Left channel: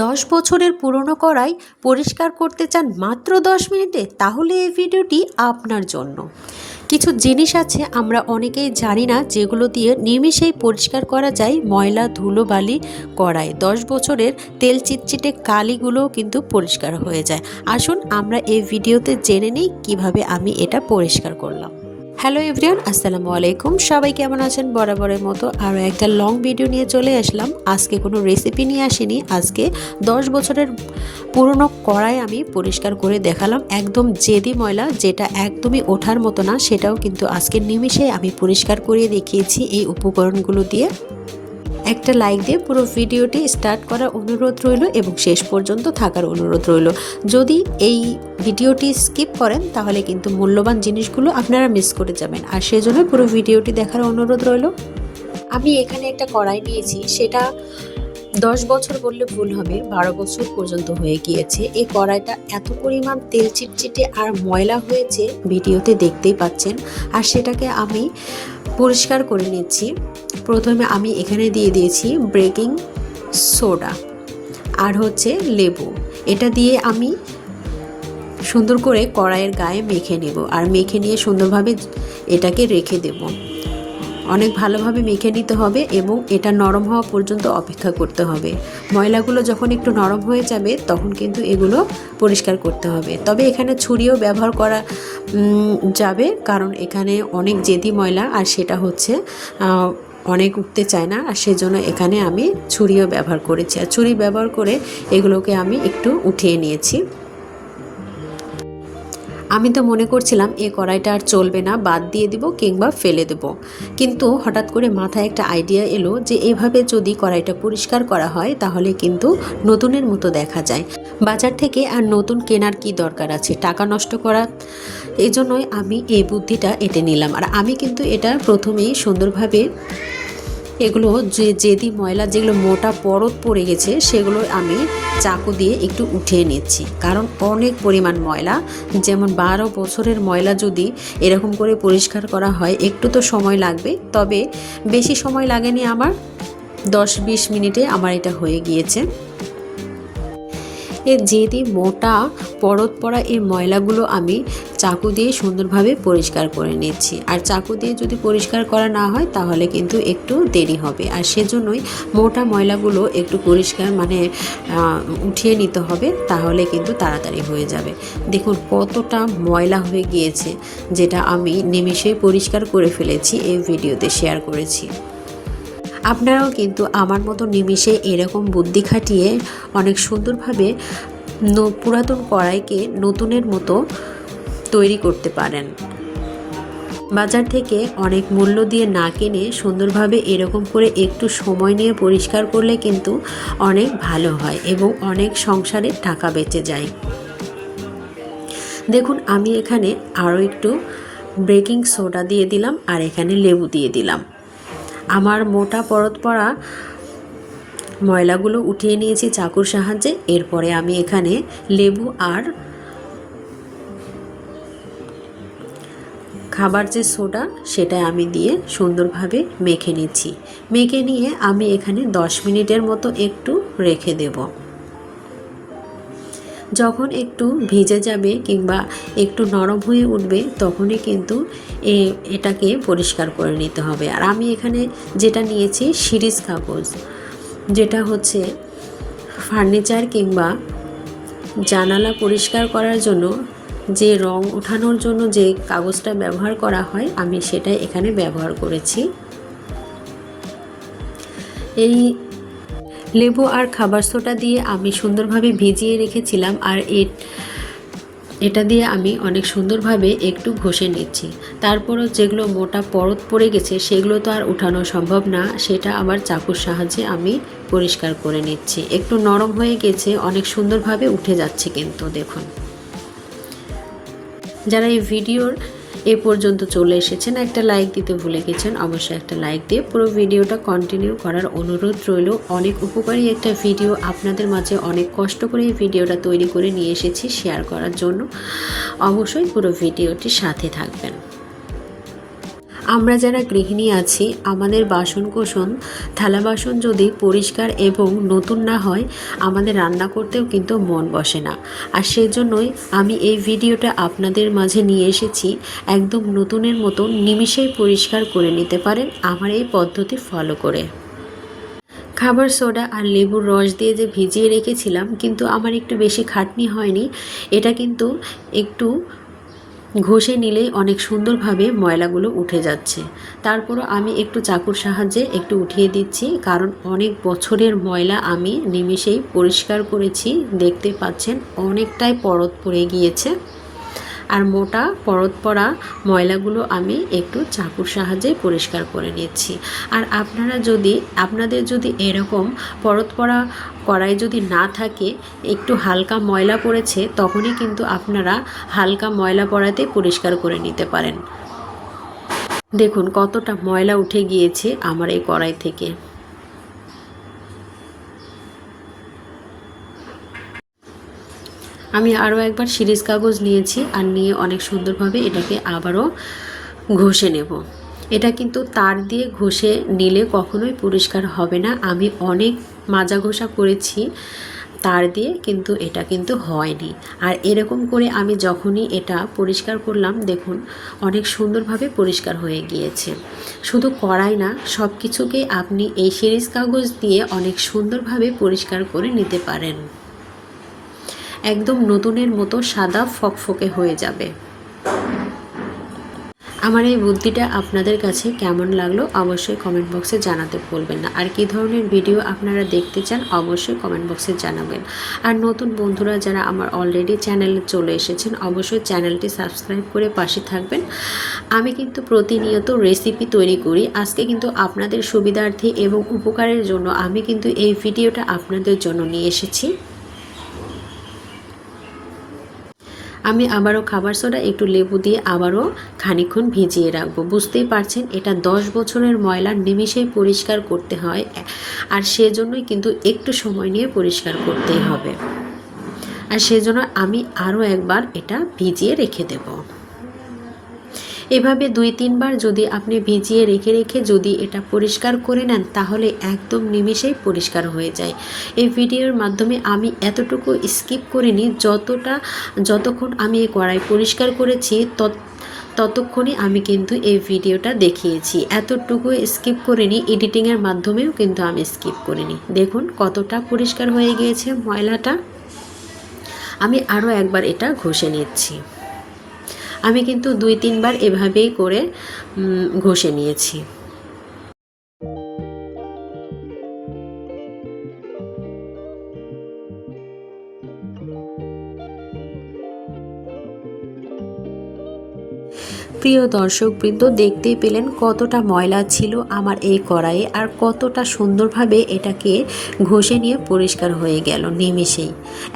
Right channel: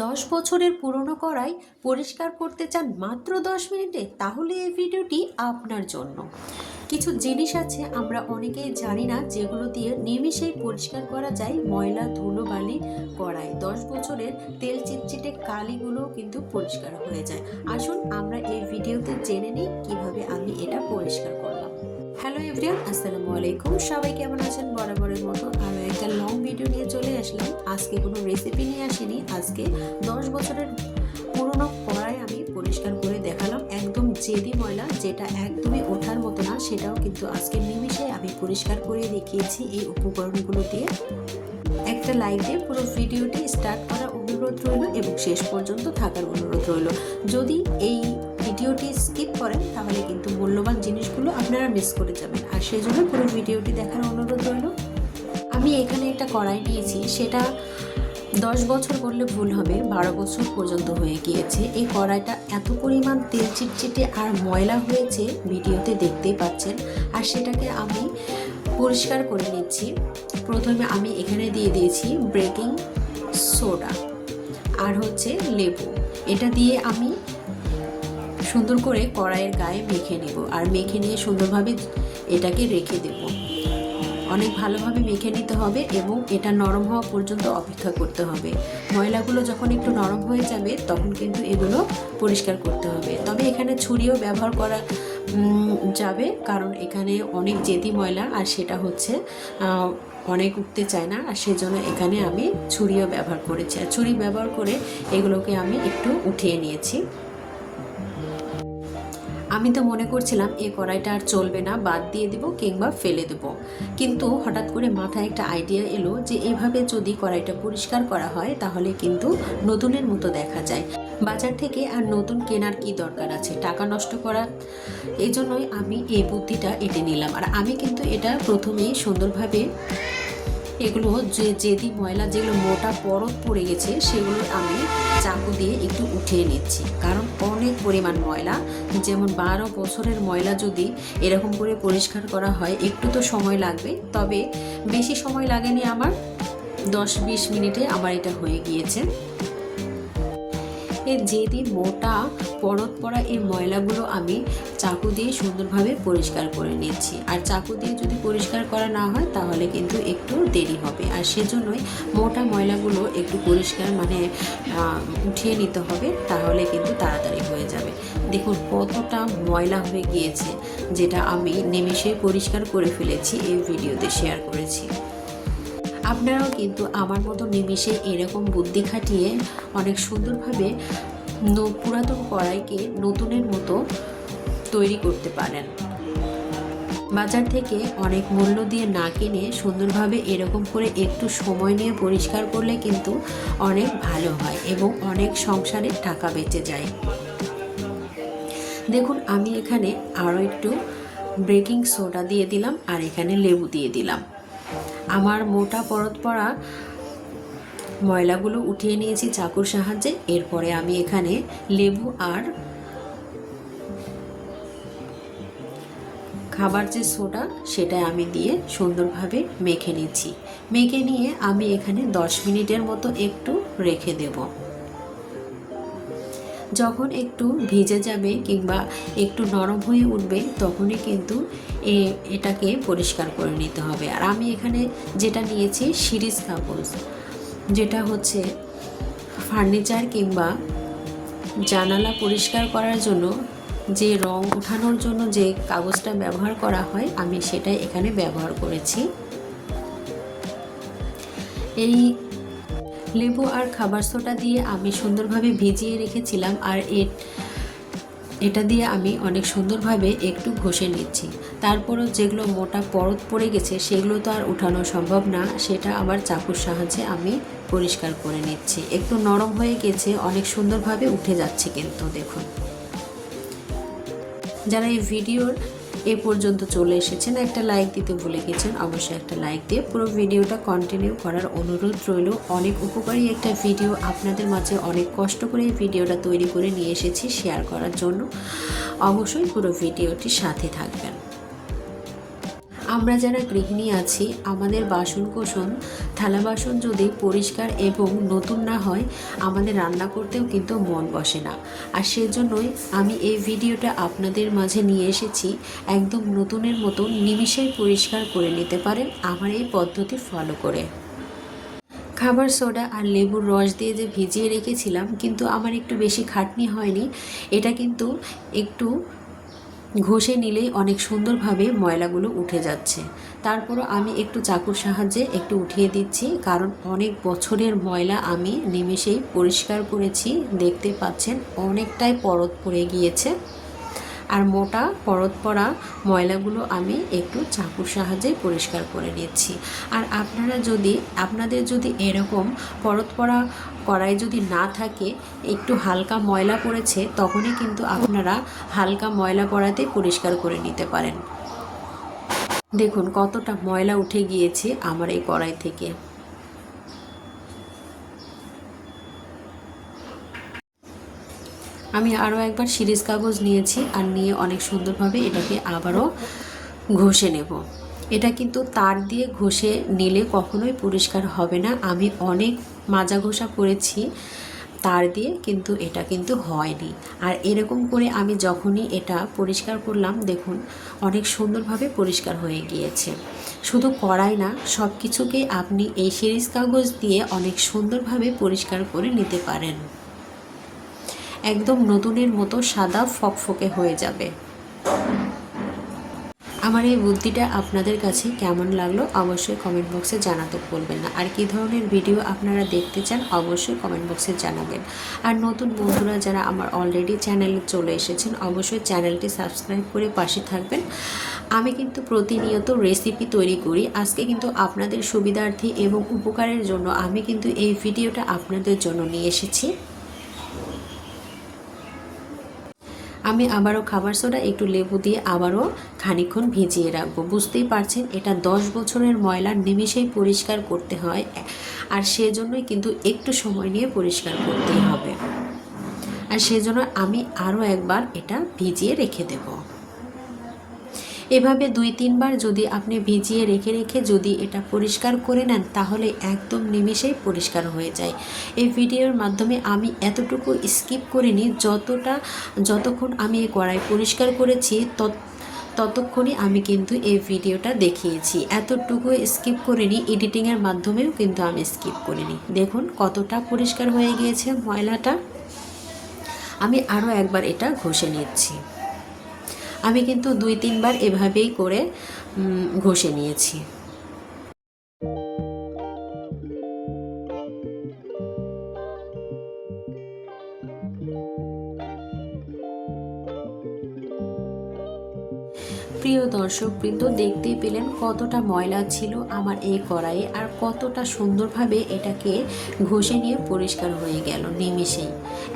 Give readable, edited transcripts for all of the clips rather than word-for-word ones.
10 বছরের পুরনো কড়াই পরিষ্কার করতে চান মাত্র 10 মিনিটে? তাহলে এই ভিডিওটি আপনার জন্য। কিছু জিনিস আছে আমরা অনেকেই জানি না, যেগুলো দিয়ে নিমেষেই পরিষ্কার করা যায় ময়লা ধুলোবালি কড়াই। 10 বছরের তেল চিটচিটে কালিগুলোও কিন্তু পরিষ্কার হয়ে যায়। আসুন আমরা এই ভিডিওতে জেনে নিই কিভাবে আমি এটা পরিষ্কার করলাম। হ্যালো এভরিওয়ান, আসসালামু আলাইকুম। সবাই কেমন আছেন? বরাবরের মতো আরও একটা লং ভিডিও নিয়ে চলে আসলাম। আজকে কোনো রেসিপি নিয়ে আসিনি, আজকে 10 বছরের পুরনো কড়াই আমি পরিষ্কার করে দেখালাম। একদম জেদি ময়লা, যেটা একদমই ওঠার মতো না, সেটাও কিন্তু আজকের নিমেষে আমি পরিষ্কার করে দেখিয়েছি এই উপকরণগুলো দিয়ে। একটা লাইক দিয়ে পুরো ভিডিওটি স্টার্ট করার অনুরোধ রইল এবং শেষ পর্যন্ত থাকার অনুরোধ রইল। যদি এই ভিডিওটি স্কিপ করেন তাহলে কিন্তু মূল্যবান জিনিসগুলো আপনারা মিস করে যাবেন, আর সেজন্য পুরো ভিডিওটি দেখার অনুরোধ রইল। আমি এখানে একটা কড়াই নিয়েছি, সেটা 10 বছর বললে ভুল হবে, 12 বছর পর্যন্ত হয়ে গিয়েছে। এই কড়াইটা এত পরিমাণ তেল চিটচিটে আর ময়লা হয়েছে, ভিডিওতে দেখতেই পাচ্ছেন। আর সেটাকে আমি পরিষ্কার করে নিচ্ছি। প্রথমে আমি এখানে দিয়ে দিয়েছি বেকিং সোডা আর হচ্ছে লেবু। এটা দিয়ে আমি সুন্দর করে কড়াইয়ের গায়ে মেখে নেব, আর মেখে নিয়ে সুন্দরভাবে এটাকে রেখে দেব। অনেক ভালোভাবে মেখে নিতে হবে এবং এটা নরম হওয়া পর্যন্ত অপেক্ষা করতে হবে। ময়লাগুলো যখন একটু নরম হয়ে যাবে তখন কিন্তু এগুলো পরিষ্কার করতে হবে। তবে এখানে ছুরিও ব্যবহার করা যাবে, কারণ এখানে অনেক জেদি ময়লা, আর সেটা হচ্ছে অনেক উঠতে চায় না, আর সেজন্য এখানে আমি ছুরিও ব্যবহার করেছি। আর ছুরি ব্যবহার করে এগুলোকে আমি একটু উঠিয়ে নিয়েছি। আমি তো মনে করছিলাম এই কড়াইটা আর চলবে না, বাদ দিয়ে দিব কিংবা ফেলে দেব, কিন্তু হঠাৎ করে মাথায় একটা আইডিয়া এলো যে এভাবে যদি কড়াইটা পরিষ্কার করা হয় তাহলে কিন্তু নতুনের মতো দেখা যায়। বাজার থেকে আর নতুন কেনার কি দরকার আছে, টাকা নষ্ট করা। এই জন্যই আমি এই বুদ্ধিটা এঁটে নিলাম। আর আমি কিন্তু এটা প্রথমেই সুন্দরভাবে এগুলো জেদি ময়লা যেগুলো মোটা পরত পড়ে গেছে সেগুলো আমি চাকু দিয়ে একটু উঠিয়ে নিচ্ছি, কারণ অনেক পরিমাণ ময়লা। যেমন 12 বছরের ময়লা যদি এরকম করে পরিষ্কার করা হয় একটু তো সময় লাগবে, তবে বেশি সময় লাগেনি আমার, 10-20 মিনিটে আমার এটা হয়ে গিয়েছে। এর জেদি মোটা পরত পড়া এই ময়লাগুলো আমি চাকু দিয়ে সুন্দরভাবে পরিষ্কার করে নিচ্ছি। আর চাকু দিয়ে যদি পরিষ্কার করা না হয় তাহলে কিন্তু একটু দেরি হবে, আর সেজন্যই মোটা ময়লাগুলো একটু পরিষ্কার উঠিয়ে নিতে হবে, তাহলে কিন্তু তাড়াতাড়ি হয়ে যাবে। দেখুন কতটা ময়লা হয়ে গিয়েছে, যেটা আমি নিমেষেই পরিষ্কার করে ফেলেছি, এই ভিডিওতে শেয়ার করেছি। আপনারাও কিন্তু আমার মতো নিমেষে এরকম বুদ্ধি খাটিয়ে অনেক সুন্দরভাবে পুরাতন কড়াইকে নতুনের মতো তৈরি করতে পারেন। বাজার থেকে অনেক মূল্য দিয়ে না কিনে সুন্দরভাবে এরকম করে একটু সময় নিয়ে পরিষ্কার করলে কিন্তু অনেক ভালো হয় এবং অনেক সংসারে টাকা বেঁচে যায়। দেখুন আমি এখানে আরও একটু বেকিং সোডা দিয়ে দিলাম, আর এখানে লেবু দিয়ে দিলাম। আমার মোটা পরত পড়া ময়লাগুলো উঠিয়ে নিয়েছি চাকুর সাহায্যে। এরপরে আমি এখানে লেবু আর খাবার যে সোডা সেটা আমি দিয়ে সুন্দরভাবে মেখে নিচ্ছি। মেখে নিয়ে আমি এখানে 10 মিনিটের মতো একটু রেখে দেব। যখন একটু ভিজে যাবে কিংবা একটু নরম হয়ে উঠবে তখনই কিন্তু এটাকে পরিষ্কার করে নিতে হবে। আর আমি এখানে যেটা নিয়েছি সিরিজ কাগজ, যেটা হচ্ছে ফার্নিচার কিংবা জানালা পরিষ্কার করার জন্য যে রং ওঠানোর জন্য যে কাগজটা ব্যবহার করা হয়, আমি সেটাই এখানে ব্যবহার করেছি। এই লেবু আর খাবার সোডা দিয়ে আমি সুন্দরভাবে ভিজিয়ে রেখেছিলাম, আর এটা দিয়ে আমি অনেক সুন্দরভাবে একটু ঘষে নিচ্ছি। তারপরও যেগুলো মোটা পরত পড়ে গেছে সেগুলো তো আর উঠানো সম্ভব না, সেটা আবার চাকুর সাহায্যে আমি পরিষ্কার করে নিচ্ছি। একটু নরম হয়ে গেছে, অনেক সুন্দরভাবে উঠে যাচ্ছে কিন্তু দেখুন। যারা এই ভিডিওর এ পর্যন্ত চলে এসেছেন, একটা লাইক দিতে ভুলে গেছেন, অবশ্যই একটা লাইক দিয়ে পুরো ভিডিওটা কন্টিনিউ করার অনুরোধ রইল। অনেক উপকারী একটা ভিডিও আপনাদের মাঝে, অনেক কষ্ট করে এই ভিডিওটা তৈরি করে নিয়ে এসেছি শেয়ার করার জন্য। অবশ্যই পুরো ভিডিওটির সাথে থাকবেন। আমরা যারা গৃহিণী আছি, আমাদের বাসনকোসন থালা বাসন যদি পরিষ্কার এবং নতুন না হয়, আমাদের রান্না করতেও কিন্তু মন বসে না। আর সেজন্যই আমি এই ভিডিওটা আপনাদের মাঝে নিয়ে এসেছি। একদম নতুনের মতো নিমিষেই পরিষ্কার করে নিতে পারেন আমার এই পদ্ধতি ফলো করে। খাবার সোডা আর লেবুর রস দিয়ে যে ভিজিয়ে রেখেছিলাম, কিন্তু আমার একটু বেশি খাটনি হয়নি। এটা কিন্তু একটু ঘষে নিলেই অনেক সুন্দরভাবে ময়লাগুলো উঠে যাচ্ছে। তারপরও আমি একটু চাকুর সাহায্যে একটু উঠিয়ে দিচ্ছি, কারণ অনেক বছরের ময়লা আমি নিমেষেই পরিষ্কার করেছি। দেখতে পাচ্ছেন অনেকটাই পরত পড়ে গিয়েছে, আর মোটা পরত পড়া ময়লাগুলো আমি একটু চাকুর সাহায্যে পরিষ্কার করে নিচ্ছি। আর আপনাদের যদি এরকম পরত পড়া কড়াই যদি না থাকে, একটু হালকা ময়লা পড়েছে, তখনই কিন্তু আপনারা হালকা ময়লা পড়াতে পরিষ্কার করে নিতে পারেন। দেখুন কতটা ময়লা উঠে গিয়েছে আমার এই কড়াই থেকে। আমি আরও একবার সিরিজ কাগজ নিয়েছি, আর নিয়ে অনেক সুন্দরভাবে এটাকে আবারও ঘষে নেব। এটা কিন্তু তার দিয়ে ঘষে নিলে কখনোই পরিষ্কার হবে না। আমি অনেক মাজা ঘষা করেছি তার দিয়ে, কিন্তু এটা কিন্তু হয়নি। আর এরকম করে আমি যখনই এটা পরিষ্কার করলাম, দেখুন অনেক সুন্দরভাবে পরিষ্কার হয়ে গিয়েছে। শুধু কড়াই না, সব কিছুকে আপনি এই সিরিজ কাগজ দিয়ে অনেক সুন্দরভাবে পরিষ্কার করে নিতে পারেন। একদম নতুনের মতো সাদা ফকফকে হয়ে যাবে। আমার এই বুদ্ধিটা আপনাদের কাছে কেমন লাগলো অবশ্যই কমেন্ট বক্সে জানাতে ভুলবেন না। আর কী ধরনের ভিডিও আপনারা দেখতে চান অবশ্যই কমেন্ট বক্সে জানাবেন। আর নতুন বন্ধুরা যারা আমার অলরেডি চ্যানেলে চলে এসেছেন, অবশ্যই চ্যানেলটি সাবস্ক্রাইব করে পাশে থাকবেন। আমি কিন্তু প্রতিনিয়ত রেসিপি তৈরি করি। আজকে কিন্তু আপনাদের সুবিধার্থে এবং উপকারের জন্য আমি কিন্তু এই ভিডিওটা আপনাদের জন্য নিয়ে এসেছি। আমি আবারও খাবার সোডা একটু লেবু দিয়ে আবারও খানিকক্ষণ ভিজিয়ে রাখবো। বুঝতেই পারছেন এটা 10 বছরের ময়লা নিমিষেই পরিষ্কার করতে হয়, আর সেজন্যই কিন্তু একটু সময় নিয়ে পরিষ্কার করতেই হবে। আর সেজন্য আমি আরও একবার এটা ভিজিয়ে রেখে দেব। এভাবে 2-3 বার যদি আপনি ভিজিয়ে রেখে যদি এটা পরিষ্কার করে নেন, তাহলে একদম নিমেষেই পরিষ্কার হয়ে যায়। এই ভিডিওর মাধ্যমে আমি এতটুকু স্কিপ করিনি, যতক্ষণ আমি এই কড়াই পরিষ্কার করেছি ততক্ষণই আমি কিন্তু এই ভিডিওটা দেখিয়েছি। এতটুকু স্কিপ করিনি, এডিটিংয়ের মাধ্যমেও কিন্তু আমি স্কিপ করিনি। দেখুন কতটা পরিষ্কার হয়ে গিয়েছে ময়লাটা। আমি আরও একবার এটা ঘষে নিচ্ছি। আমি কিন্তু 2-3 বার এভাবেই করে ঘষে নিয়েছি। প্রিয় দর্শকবৃন্দ, দেখতেই পেলেন কতটা ময়লা ছিল আমার এই কড়াইয়ে, আর কতটা সুন্দরভাবে এটাকে ঘষে নিয়ে পরিষ্কার হয়ে গেল নিমেষেই।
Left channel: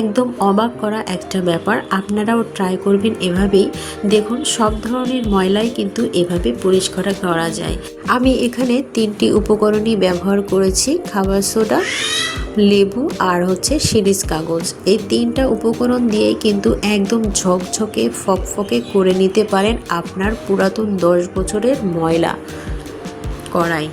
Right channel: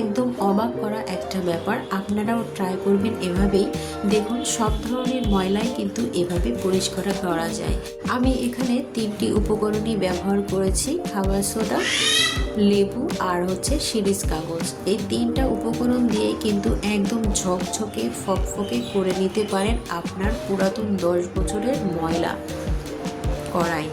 একদম অবাক করা একটা ব্যাপার। আপনারাও ট্রাই করবেন এভাবেই। দেখুন সব ধরনের ময়লাই কিন্তু এভাবে পরিষ্কার করা যায়। আমি এখানে 3টি উপকরণই ব্যবহার করেছি, খাবার সোডা, লেবু আর সিরিজ কাগজ। এই 3টা উপকরণ দিয়ে কিন্তু একদম ঝকঝকে ফকফকে করে নিতে পারেন আপনার পুরাতন 10 বছরের ময়লা কড়াই।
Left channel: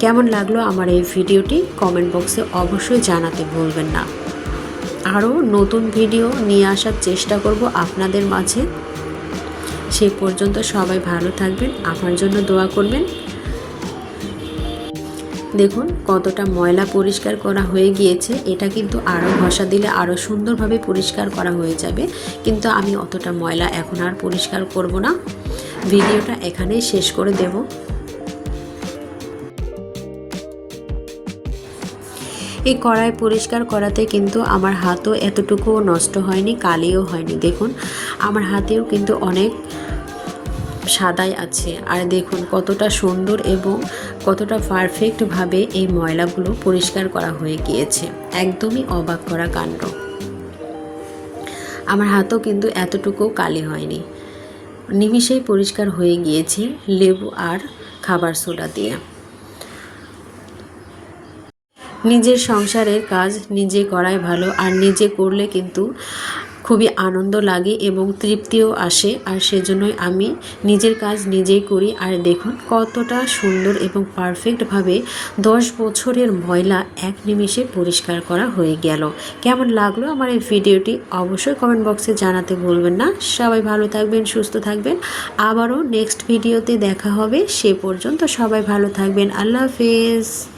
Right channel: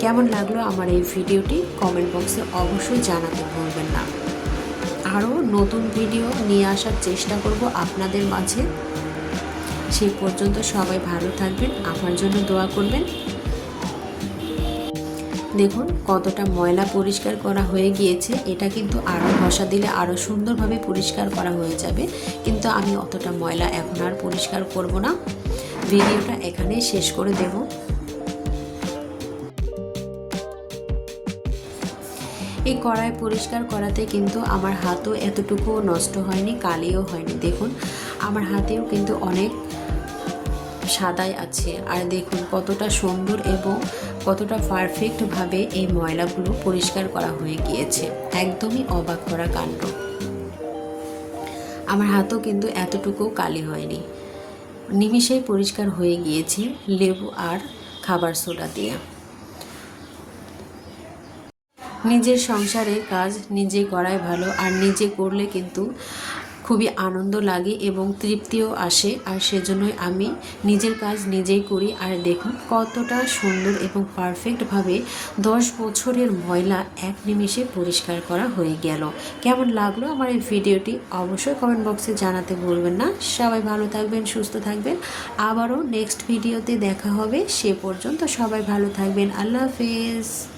কেমন লাগলো আমার এই ভিডিওটি কমেন্ট বক্সে অবশ্যই জানাতে ভুলবেন না। আরও নতুন ভিডিও নিয়ে আসার চেষ্টা করব আপনাদের মাঝে। সে পর্যন্ত সবাই ভালো থাকবেন, আমার জন্য দোয়া করবেন। দেখুন কতটা ময়লা পরিষ্কার করা হয়ে গিয়েছে। এটা কিন্তু আরও ঘষা দিলে আরও সুন্দরভাবে পরিষ্কার করা হয়ে যাবে, কিন্তু আমি অতটা ময়লা এখন আর পরিষ্কার করব না। ভিডিওটা এখানেই শেষ করে দেব। এই কড়াই পরিষ্কার করাতে কিন্তু আমার হাতও এতটুকুও নষ্ট হয়নি, কালিও হয়নি। দেখুন আমার হাতেও কিন্তু অনেক সাদাই আছে। আর দেখুন কতটা সুন্দর এবং কতটা পারফেক্টভাবে এই ময়লাগুলো পরিষ্কার করা হয়ে গিয়েছে। একদমই অবাক করা কাণ্ড। আমার হাতও কিন্তু এতটুকুও কালি হয়নি, নিমিষেই পরিষ্কার হয়ে গিয়েছে লেবু আর খাবার সোডা দিয়ে। নিজের সংসারের কাজ নিজে করাই ভালো, আর নিজে করলে কিন্তু খুবই আনন্দ লাগে এবং তৃপ্তিও আসে। আর সেজন্যই আমি নিজের কাজ নিজেই করি। আর দেখুন কতটা সুন্দর এবং পারফেক্টভাবে 10 বছরের ময়লা এক নিমেষে পরিষ্কার করা হয়ে গেল। কেমন লাগলো আমার এই ভিডিওটি অবশ্যই কমেন্ট বক্সে জানাতে ভুলবেন না। সবাই ভালো থাকবেন, সুস্থ থাকবেন। আবারও নেক্সট ভিডিওতে দেখা হবে। সে পর্যন্ত সবাই ভালো থাকবেন। আল্লাহ হাফেজ।